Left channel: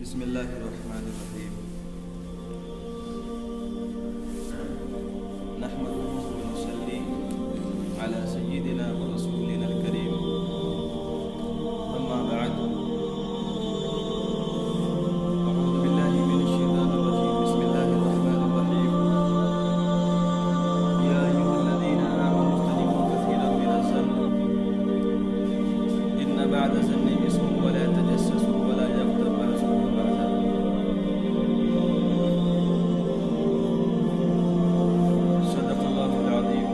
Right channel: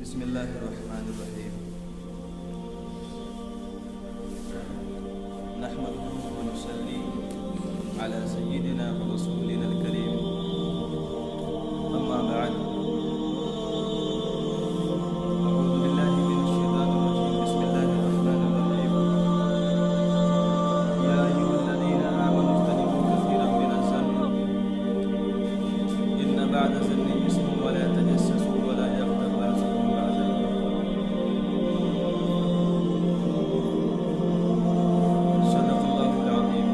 بسم اللہ الرحمن الرحیم نحمده ونصلي على سيدنا ورسولنا الكريم اما بعد اعوذ باللہ من الشیطان الرجیم بسم اللہ الرحمن الرحیم یا ایھا الذین آمنوا اجتنبوا کثیرا من الظن ان بعد الظن اثم ولا تجسسوا ولا یغتب بعضکم بعضا صدق اللہ العظیم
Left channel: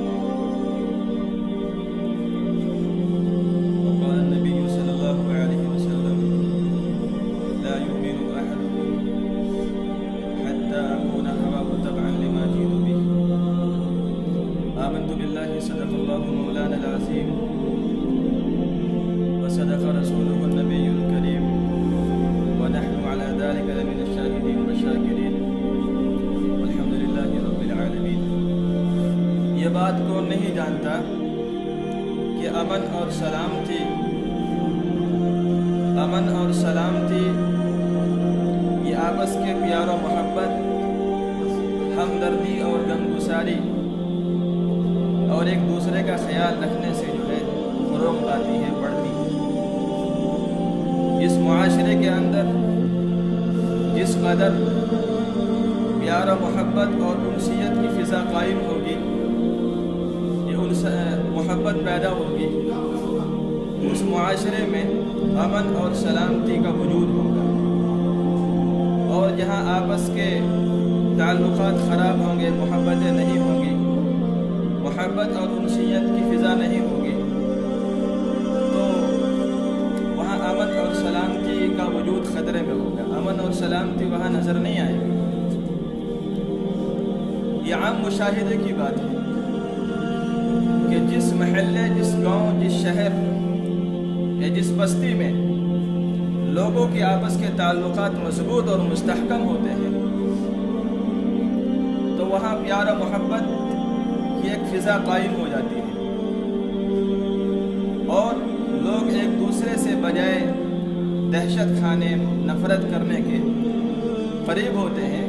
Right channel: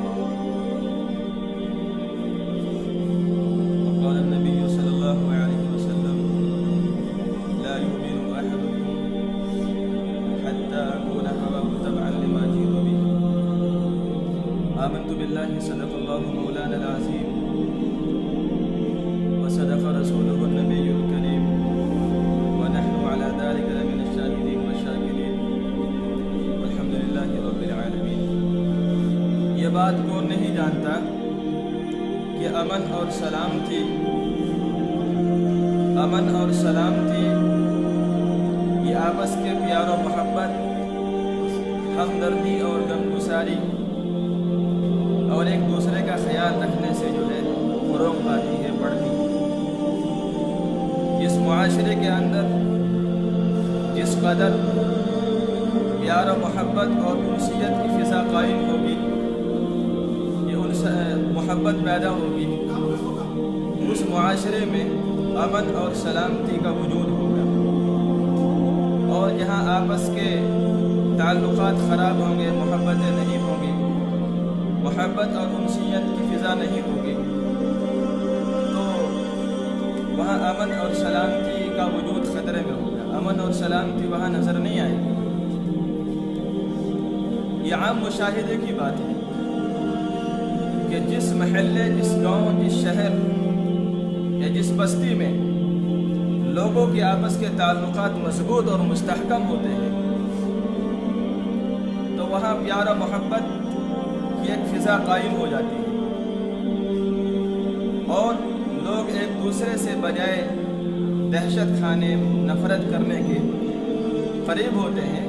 وقال النبی صلی اللہ علیہ وسلم لا يؤمن أحدكم حتى أكون هواه تبعا لما جئت به آمنت بالله صدق الله مولانا العظيم وصدق رسوله النبي الكريم ونحن على ذلك لمن الشاهدين والشاكرين والحمد لله رب العالمين. یہ بات کون نہیں جانتا کہ امن اور سلامتی یہ آپس کے پیار و محبت، ہمدردی اور غمگساری اور ایک دوسرے کا خیال رکھنے سے جو ہے فروغ پاتی ہے، بڑھتی ہے. اس معاشرے کے اندر جس قدر پیار و محبت اور انسیت کی فضا قائم ہوگی، یہ محبت پیدا ہوگی، اس معاشرے میں امن اور سلامتی کا وجود ہوگا. اور جہاں آپس کے تعلقات خراب ہوں گے، محبتیں نہیں ہوں گی، محبت اور انسیت کی فضا نہیں ہوگی، تو وہاں امن اور سلامتی کا وجود خطرے میں ہوگا. امن اور سلامتی وہاں نظر نہیں آئے گی. یہ عام مشاہدے کی بات ہے کہ جس محلے، جس گاؤں، جس شہر یا جس بستی میں لوگوں کے آپس کے تعلقات مضبوط اور مستحکم ہوتے ہیں، تو وہاں پیار و محبت کی ایک فضا قائم ہو جاتی ہے اور لوگ ایک دوسرے سے بجائے دہشت کھانے، نفرت کرنے کے قریب ہوتے ہیں.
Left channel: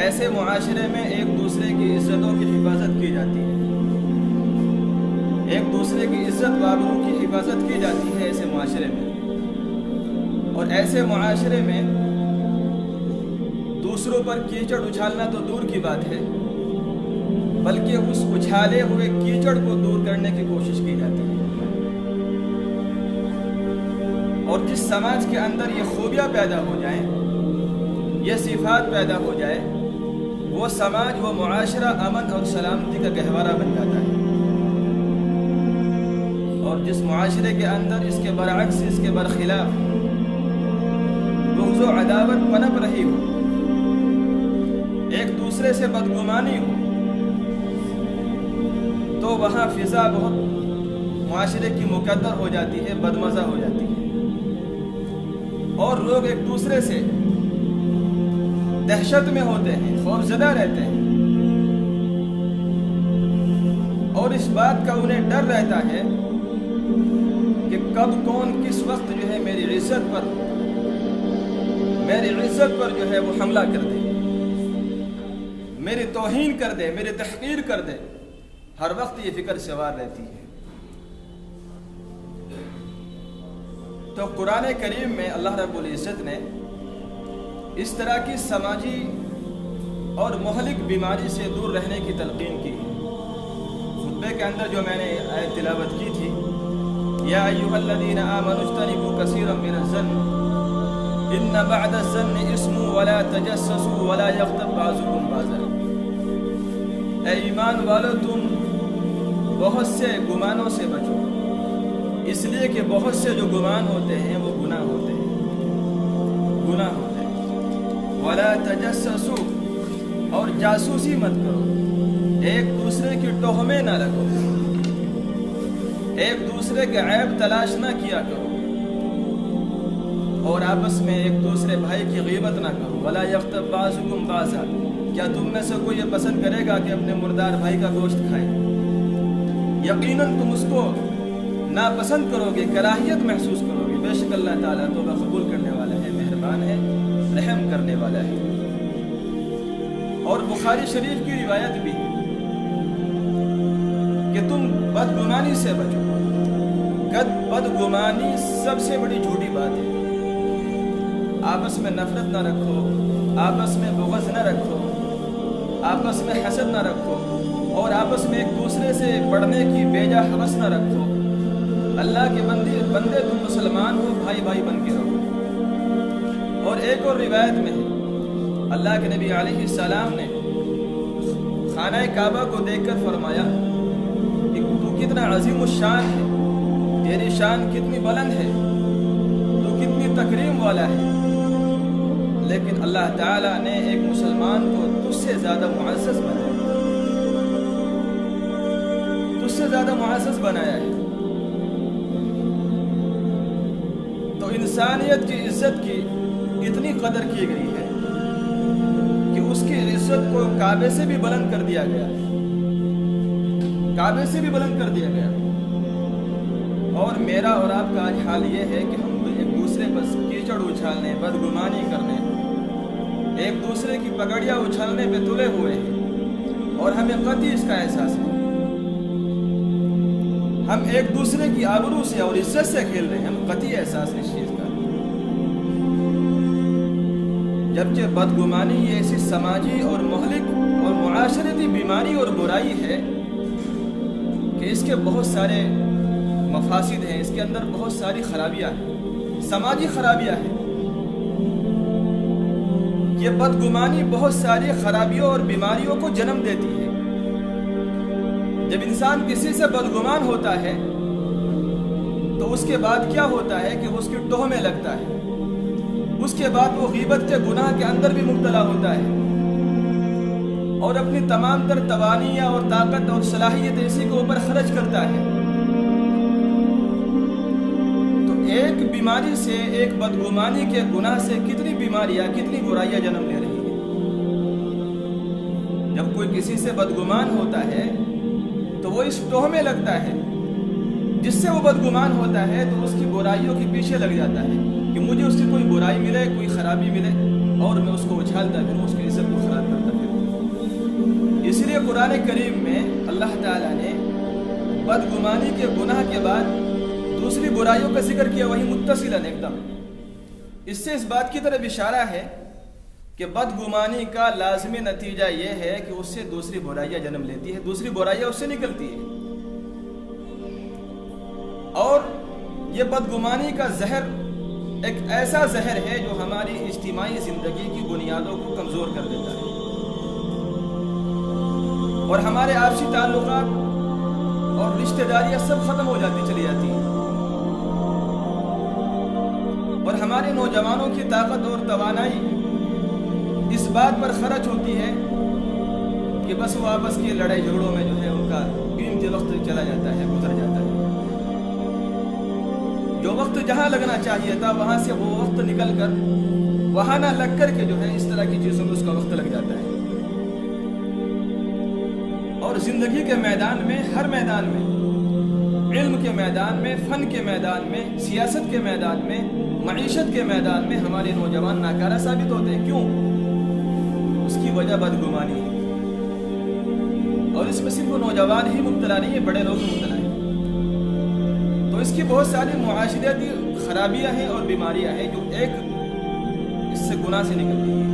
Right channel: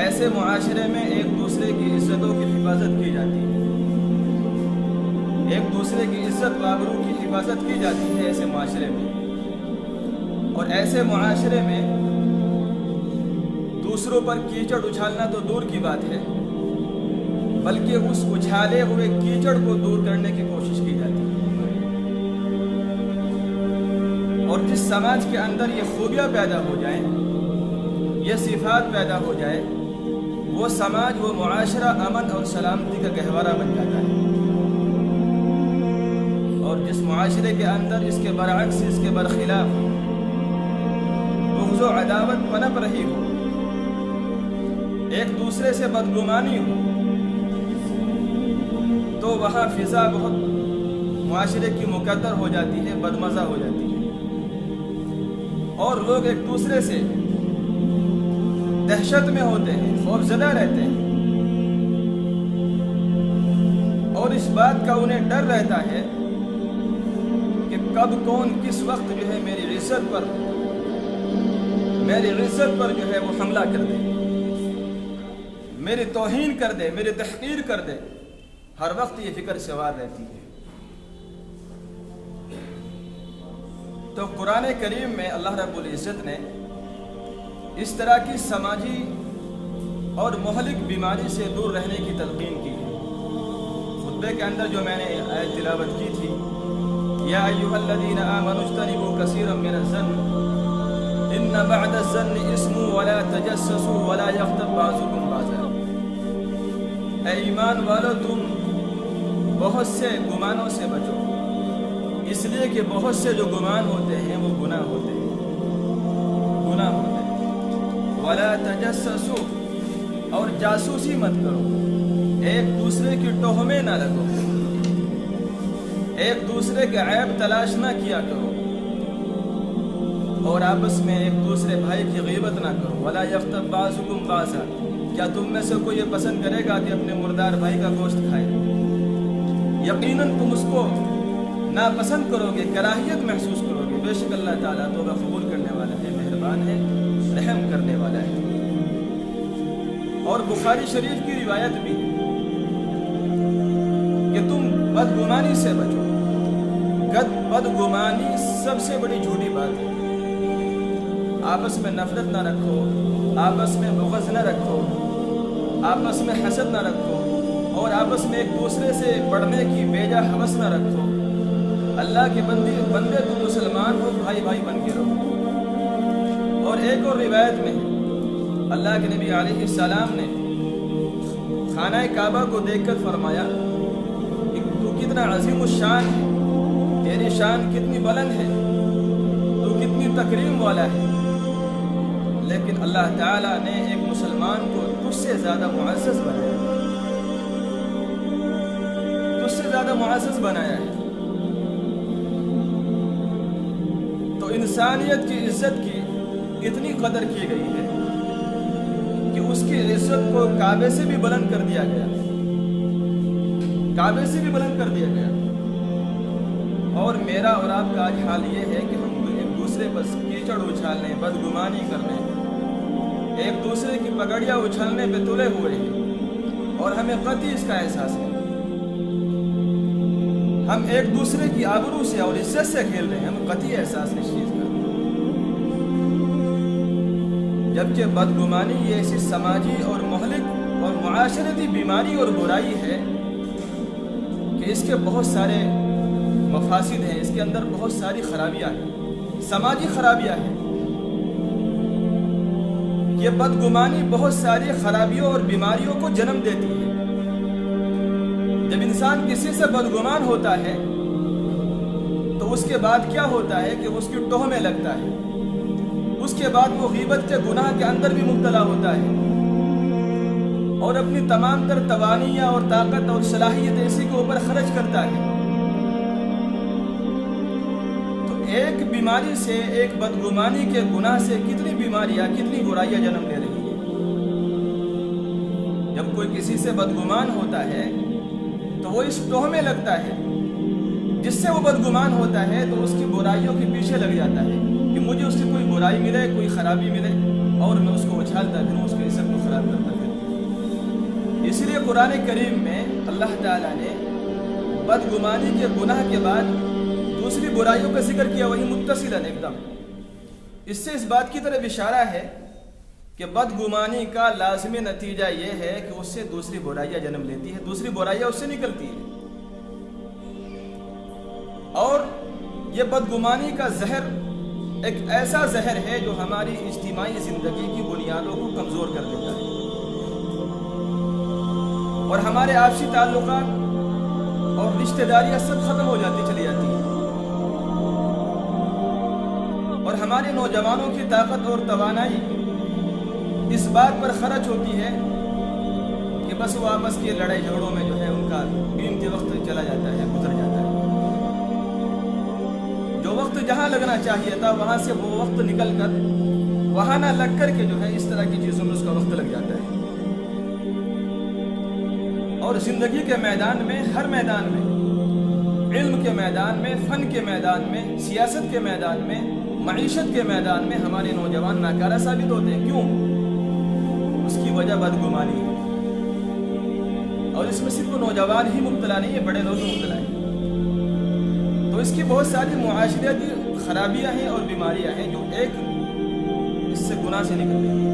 ایسے معاشرے میں ایک دوسرے کی عزتوں کی حفاظت کی جاتی ہے، ایک دوسرے کی عزت و آبرو کی حفاظت کی جاتی ہے ایسے معاشرے میں. اور ایسے معاشرے میں دوسروں پر کیچڑ اچھالنا تو دور کی بات ہے، بلکہ اس اچھالے ہوئے کیچڑ کو دور کرنے کی کوشش کی جاتی ہے. اور جس سماج کے اندر یہ خوبیاں پیدا ہو جائیں، یہ صفات پیدا ہو جائے، وہ سماج، وہ معاشرہ امن اور سلامتی کا گہوارہ بن جاتا ہے. اور جس معاشرے کے اندر اس کے برعکس، اس کے برخلاف بغض و عداوت پنپ رہی ہو، ایک دوسرے سے بدگمانی ہو، تو وہاں فضا بہت معاشرے کی مقدر ہو جاتی ہے، بدمزہ ہو جاتی ہے، اور لوگ ایک دوسرے سے دہشت میں ہوتے ہیں، خوف زدہ رہتے ہیں، اور اس بات کا انہیں ڈر رہتا ہے کہ کب کون کس وقت جو ہے میری عزت پر جو ہے وہ حملہ کر دے، میری توہین کر دے، میری تحقیر کر دے. ہر وقت یہ فکر سوار رہتی ہے. تو قرآن کریم میں اللہ رب العزت نے اس طرح کی سماجی اور مہلک بیماری سے دور رہنے کی تلقین کی ہے. خطبے کے اندر جو میں نے آیت تلاوت کی تھی، یا ایھا الذین آمنوا اجتنبوا کثیرا من الظن ان بعد الظن اثم ولا تجسسوا ولا یغتب بعضکم بعضا. اے ایمان والو، تم بہت سے گمانوں سے بچو، اس لیے کہ بہت سے جو گمان ہوتے ہیں وہ گناہ ہوتے ہیں. ولا تجسسوا، اور جاسوسی مت کرو، ایک دوسرے کی تہمیں نہ رکھو، ایک دوسرے کے عیب تلاش نہ کیا کرو، اور آپس میں ایک دوسرے بھائی کی غیبت نہ کرو. ولا یغتب بعضکم بعضا، کیا تم میں سے کوئی یہ پسند کرے گا کہ اپنے مردار بھائی کا گوشت کھائے؟ یقیناً تم اس کو ناپسند کرو گے، کراہیت محسوس کرو گے. بے شک اللہ تعالیٰ توبہ قبول کرنے والا ہے، مہربان ہے، رحم کرنے والا ہے۔ اور بخاری شریف کی روایت بھی کہ تم بدگمانی سے بچو۔ بدگمانی سب سے بڑی جھوٹی بات ہے۔ آپس میں نفرت نہ رکھو، آپس میں بغض نہ رکھو، آپس میں حسد نہ رکھو، اور آپس میں ایک دوسرے سے بڑھنے کی بیجا ہوس نہ رکھو۔ اللہ کے بندے تم مسلمان ہو، بھائی بھائی بن کے رہو۔ اور ایک اور روایت میں اللہ کے نبی علیہ السلام نے خانہ کعبہ کو دیکھ کر فرمایا کہ تو کتنا عظیم الشان ہے، تیری شان کتنی بلند ہے، تو کتنی تکریم والا ہے، لیکن اللہ تعالیٰ نے ایک مسلمان کو تجھ سے زیادہ معزز بنایا ہے، تجھ سے زیادہ معزز بنایا ہے۔ تو انسانیت کی عزت کی اتنی قدر کی گئی ہے کہ اس کی عزت کو کعبے سے بھی بلند کر دیا گیا، کعبے سے بھی بلند کر دیا گیا۔ اور میرا اور آپ کا آج حال یہ ہے کہ ہم ایک دوسرے پر کیچڑ اچھالنے، بدگمانی کرنے، ایک دوسرے کی پگڑیاں اچھالنے پہ تلے ہوئے ہیں، اور ہمیں قطعی اس کا احساس نہیں۔ ہم ایک دوسرے کی آبرو سے اور عزت سے کھیل رہے ہیں، ہمیں قطعی احساس نہیں اس چیز کا۔ جبکہ بدگمانی یہ ایسی سماجی اور مہلک اور معاشرتی بیماری اور برائی ہے کہ اس کے بہت سارے مفاسد ہیں، اس کے اندر بہت ساری خرابیاں ہیں، سماجی خرابیاں ہیں۔ یہ بدگمانی بہت ساری خرابیوں اور بیماریوں کو جنم دیتی ہے۔ جب انسان کسی سے بدگمان ہوتا ہے تو اس کے بعد کیا ہوتا ہے کہ اس کی ٹوہ میں لگتا ہے، اس کے بعد وہ غیبت کے گناہ کے اندر بھی مبتلا ہوتا ہے، اور اپنی تمام تر توانیاں اور طاقت اور صلاحیت اسی کے اوپر خرچ کرتا ہے۔ تو ایک بیماری سے، ایک بدگمانی کے گناہ سے کتنی بیماریاں، کتنی برائیاں جنم لے رہی ہیں۔ جب کوئی کسی سے بدگمان ہوتا ہے تو وہ اس ٹوہ میں لگتا ہے، جس سے وہ بدگمان ہوتا ہے تو اس کی برائیوں کے پیچھے لگ جاتا ہے کہ مجھے اس کی کوئی برائی ملے، کوئی خرابی ملے، اور میں اس کو اچھالتا پھروں، اس کی عزت کو خراب کرتا پھروں۔ اس لیے قرآن کریم میں اللہ تعالیٰ نے بدگمانی کے گناہ کے بعد دوسری برائیوں کا ذکر کیا، وہی متصلاً ایک دم۔ اس سے اس بات کی طرف اشارہ ہے کہ بدگمانی کا لازمی نتیجہ یہ ہے کہ اس سے دوسری برائیاں جنم لیتی ہے، دوسری برائیاں اس سے نکلتی ہے۔ اور یہ بدگمانی کا زہر ایک ایسا زہر ہے جو ہماری اجتماعی زندگی کی بنیادوں کو کمزور کر دیتا ہے، اور ہمارے آپسی تعلقات اور رشتہ داریاں سب ختم ہو جاتی چلی جاتی ہیں، اور ہمارے نوجوانوں کی طاقت اور توانائی اس بات پر خرچ ہوتی ہے کہ بس وہ آپس کی لڑائی جھگڑوں میں جو ہے ان کا قیمتی وقت چلا جاتا ہے، گزر جاتا ہے۔ جو وقت جہاں لگنا چاہیے تھا وہاں سے وہ وقت نکل کر وہاں نہ لگ کر کے جو ہے اس طرح کی چیزوں میں اس کا وقت لگ جاتا ہے۔ اور زندگی کے میدان میں، ہر میدان میں، علم کے میدان میں، فن کے میدان میں، سیاست کے میدان میں، معیشت کے میدان میں ہمارے نوجوان ناکارہ ثابت ہوتے ہیں۔ کیوں؟ اس کی وجہ بدگمانی ہے، اور اس میں صرف وہ نوجوان ہی مبتلا نہیں ہے، بڑے لوگ مبتلا ہیں۔ تو اس کی بہت ساری معاشرتی خرابیاں ہیں اور بیماریاں ہیں جو ایک اس سے گناہ سے نکل رہی ہیں۔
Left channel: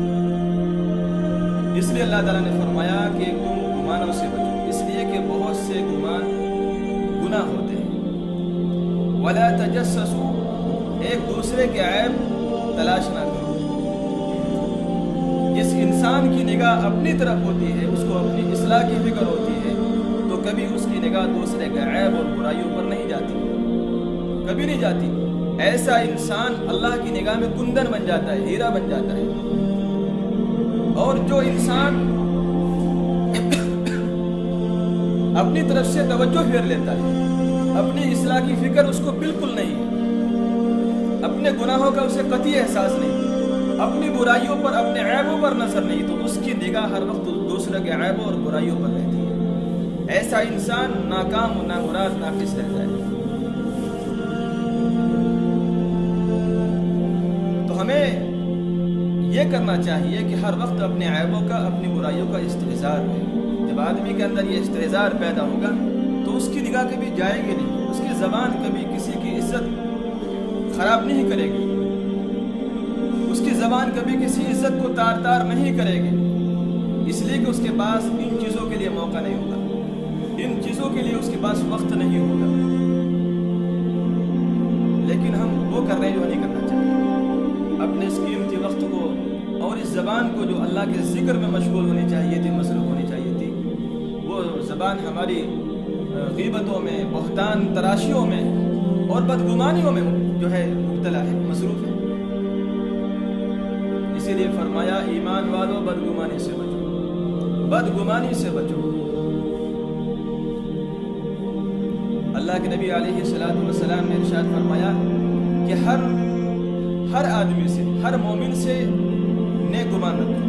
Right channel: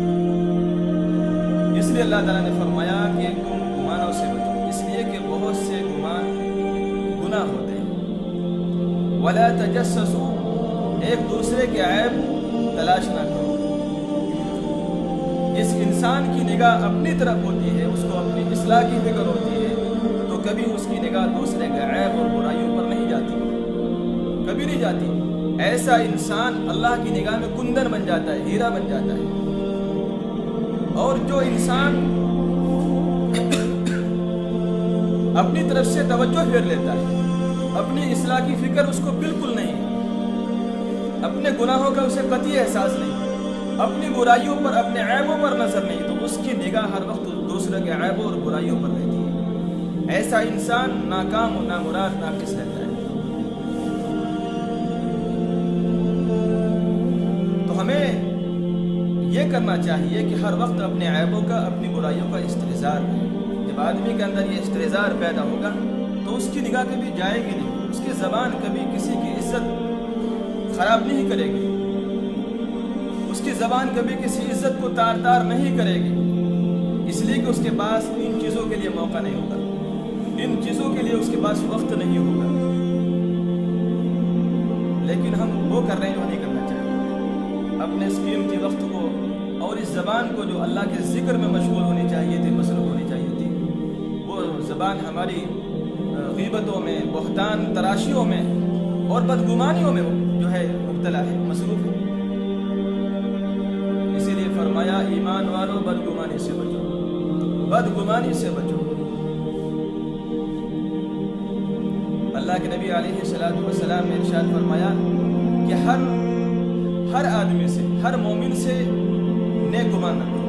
اس لیے اللہ تعالیٰ نے فرمایا کہ تم گمانوں سے بچو، اس لیے کہ بہت سے گمان گناہ ہوتے ہیں۔ وَلَا تَجَسَّسُوا، ایک دوسرے کے عیب تلاش نہ کرو۔ جس انسان کی نگاہ اپنی طرف ہوتی ہے، اس کو اپنی اصلاح کی فکر ہوتی ہے، تو کبھی اس کی نگاہ دوسرے کے عیب اور برائیوں پر نہیں جاتی، کبھی نہیں جاتی۔ ایسا انسان اللہ کی نگاہ میں کندن بن جاتا ہے، ہیرا بن جاتا ہے۔ اور جو انسان اپنی طرف سے توجہ پھیر لیتا ہے، اپنی اصلاح کی فکر اس کو بالکل نہیں، اپنے گناہوں کا اسے قطعی احساس نہیں، اپنی برائیوں پر، اپنے عیبوں پر نظر نہیں، تو اس کی نگاہ ہر وقت دوسرے کے عیبوں اور برائیوں پر رہتی ہے۔ ایسا انسان ناکام و نامراد، ناقص رہتا ہے۔ تو ہمیں یہ کرنا چاہیے کہ ہر وقت اپنے عیبوں کا، اپنی برائیوں کا استحضار ہو۔ جب آدمی کے اندر یہ استحضار پیدا ہوگا تو اس کی نگاہ کبھی جائے گی نہیں، اس کی زبان کبھی کسی کی عزت خراب نہیں کرے گی، اس کی زبان کبھی کسی عزت کو تار تار نہیں کرے گی، اس لیے کہ اس کے پاس ان چیزوں کے لیے موقع نہیں ہوگا، ان چیزوں کے لیے اس کے پاس وقت نہیں ہوگا۔ لیکن ہم وہ کر رہے ہیں جو نہیں کرنا چاہیے، اپنے اس قیمتی وقت کو اور اس زبان کو جو اللہ کے ذکر میں مشغول ہونی چاہیے تھی، مصروف ہونی چاہیے تھی، وہ زبان ہماری غیبتوں میں، بہتان تراشیوں میں اور بدگمانیوں میں جو ہے مبتلا ہے، مصروف ہے۔ اسی لیے فرمایا ایمان والوں بدگمانی سے بچو، بدگمانی سے بچو۔ اللہ کے نبی علیہ الصلوۃ والسلام نے ارشاد فرمایا کہ ہر آدمی سے، ہر مومن سے نیک گمان رکھو،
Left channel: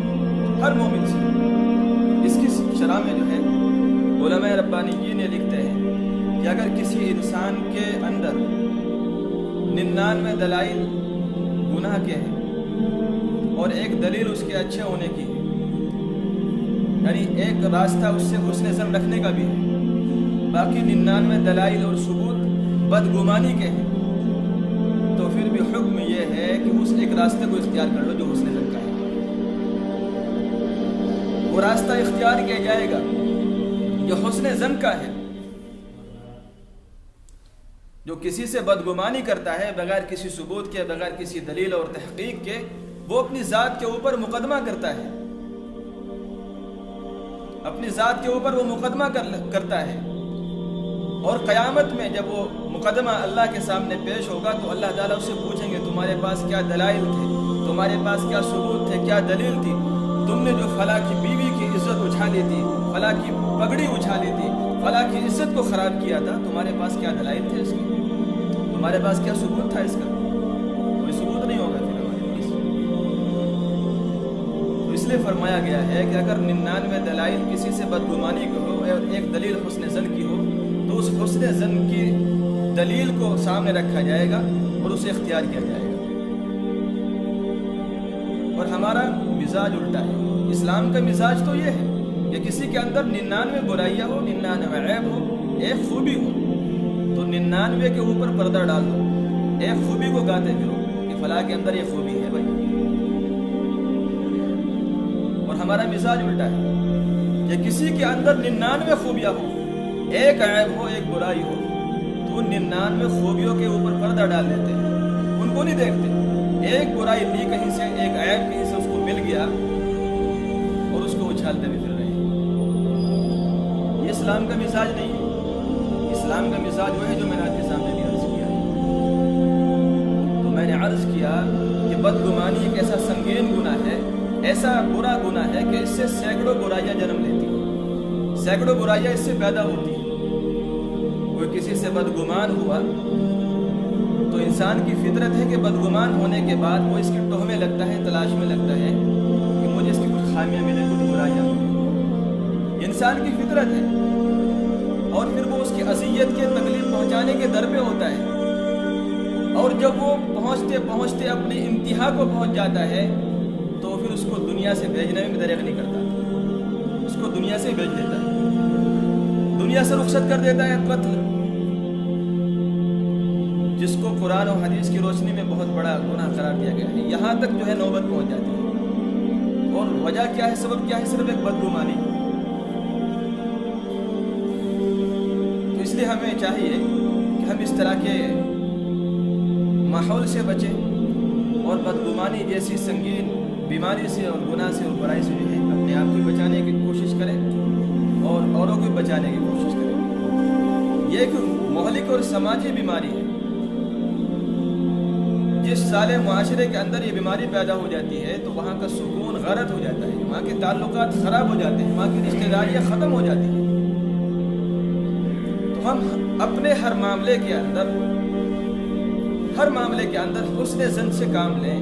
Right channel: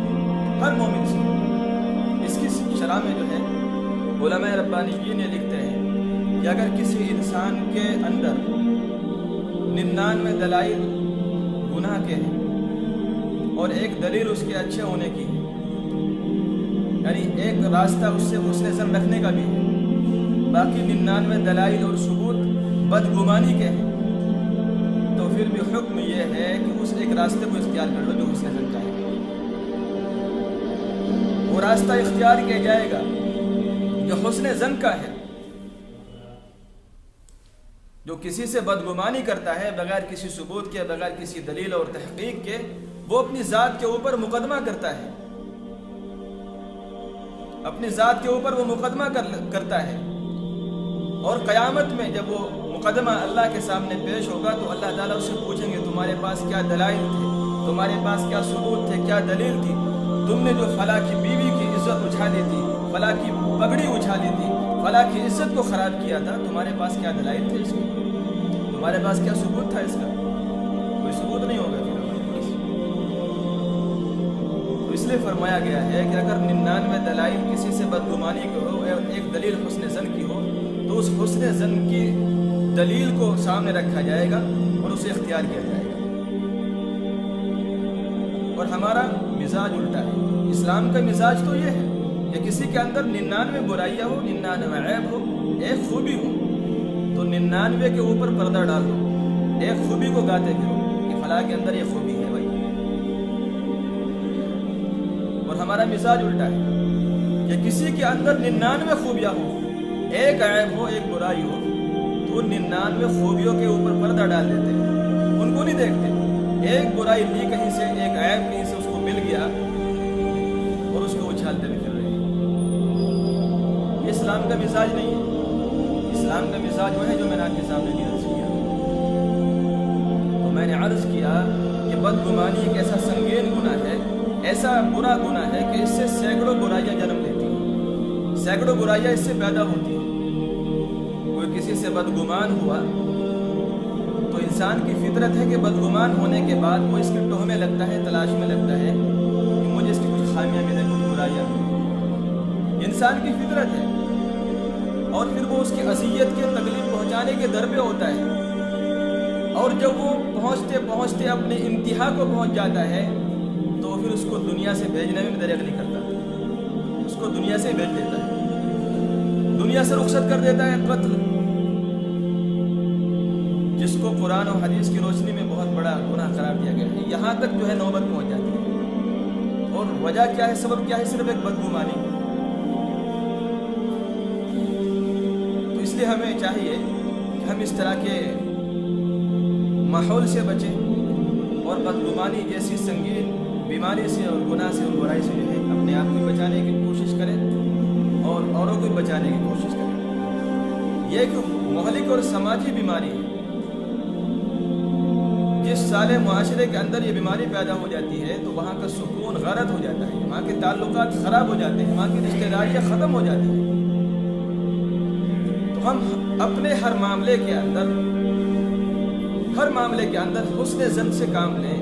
ہر مومن سے۔ اس کی شرح میں جو ہے علماء ربانیین لکھتے ہیں کہ اگر کسی انسان کے اندر 99 دلائل گناہ کے ہیں اور ایک دلیل اس کے اچھے ہونے کی ہے، یعنی ایک راستہ اس سے حسن ظن رکھنے کا بھی ہے، باقی 99 دلائل اور ثبوت بدگمانی کے ہیں، تو پھر بھی حکم یہ ہے کہ اس ایک راستے کو اختیار کر لو جو حسن ظن کا ہے۔ وہ راستہ اختیار کیا جائے گا جو حسن ظن کا ہے۔ جو کسی سے بدگمانی کرتا ہے بغیر کسی ثبوت کے، بغیر کسی دلیل اور تحقیق کے، وہ اپنی ذات کے اوپر مقدمہ کرتا ہے، اپنی ذات کے اوپر وہ مقدمہ کرتا ہے، اور قیامت میں جب وہ مقدمہ اللہ کے سامنے پیش ہوگا تو اللہ تعالیٰ اس سے پوچھیں گے تمہارے پاس کیا دلائل تھے، تمہارے پاس کیا ثبوت تھے، کیا دلیل تھی، تم نے جو فلاں کی بیوی کی عزت اچھالی تھی، فلاں کی پگڑی اچھالی تھی، فلاں کی عزت کو خراب کیا تھا، تمہارے پاس کیا دلائل تھے اس کے، تمہارے پاس کیا ثبوت تھا اس کا؟ کوئی ثبوت نہیں ہوگا پھر ہمارے پاس۔ تو اس لیے فرمایا گیا ہے کہ اگر 99 دلائل کسی سے بدگمانی کی ہو اور ایک دلیل حسن ظن کی ہو تو اس حسن ظن کی دلیل کو سامنے رکھا جائے گا اور اسے اختیار کیا جائے گا۔ اور ہمارا مزاج الٹا ہے۔ اسلام کا مزاج تو یہ ہے کہ کسی کے اندر 99 برائیاں ہو، 99 عیب ہو، ایک خوبی ہو تو 99 کے اوپر پردہ ڈال دو، ایک خوبی کو گاتے پھرو کہ فلاں کے اندر یہ خوبی ہے بھائی۔ اور ہمارا مزاج الٹا ہے کہ کسی کے اندر 99 خوبیاں ہوں، ایک عیب ہو، ایک برائی ہو، تو 99 خوبیوں کے اوپر پردہ ڈال دیتے ہیں، ان کو نہیں دیکھتے۔ ایک برائی لی کہیں سے، ایک عیب کہیں سے اس کو مل گیا اور اس کو اچھالتے ہوئے پھر رہے ہیں۔ یہ اسلام کا مزاج نہیں ہے۔ اسلام کا مزاج وہ ہے جو میں نے آپ کے سامنے عرض کیا۔ تو میں نے عرض کیا کہ بدگمانی ایک ایسا سنگین گناہ ہے، ایسا برا گناہ ہے کہ اس سے سینکڑوں برائیاں جنم لیتی ہیں، سینکڑوں برائیاں اس سے پیدا ہوتی ہیں۔ کوئی کسی سے بدگمان ہوا تو انسان کی فطرت ہے کہ بدگمان ہونے کے بعد وہ اس کی ٹوہ میں لگتا ہے، تلاش میں لگتا ہے کہ مجھے اس کی کچھ خامیاں ملیں، کچھ برائیاں ملیں۔ انسان کی فطرت ہے، اور پھر وہ اس کی اذیت کے، تکلیف پہنچانے کے در پہ ہوتا ہے، اور جب وہ پہنچتے پہنچتے اپنی انتہا کو پہنچ جاتا ہے تو پھر اس کو دنیا سے بھیجنے میں بھی دریغ نہیں کرتا، اس کو دنیا سے بھیج دیتا ہے، دنیا سے رخصت کر دیتا ہے، قتل، جس کو قرآن و حدیث کی روشنی میں بہت بڑا گناہ قرار دیا گیا ہے۔ یہاں تک جو ہے نوبت پہنچ جاتی ہے، اور وجہ کیا ہے، سبب کیا ہے؟ صرف ایک بدگمانی۔ تو اس لیے ہمیں چاہیے کہ ہم اس طرح کے ماحول سے بچیں اور بدگمانی جیسی سنگین بیماری سے اور گناہ سے اور برائی سے جو ہے اپنے آپ کو بچانے کی کوشش کریں اور اوروں کو بچانے کی کوشش کریں۔ یہ ایک مہلک اور سماجی بیماری ہے۔ جس سالے معاشرے کے اندر یہ بیماری پیدا ہو جاتی ہے تو وہاں کا سکون غارت ہو جاتا ہے، وہاں کے تعلقات خراب ہو جاتے ہیں، وہاں کی رشتہ داریاں ختم ہو جاتی ہیں۔ تو ہم اپنے ہر معاملے کے اندر حسن ظن سے کام لیں،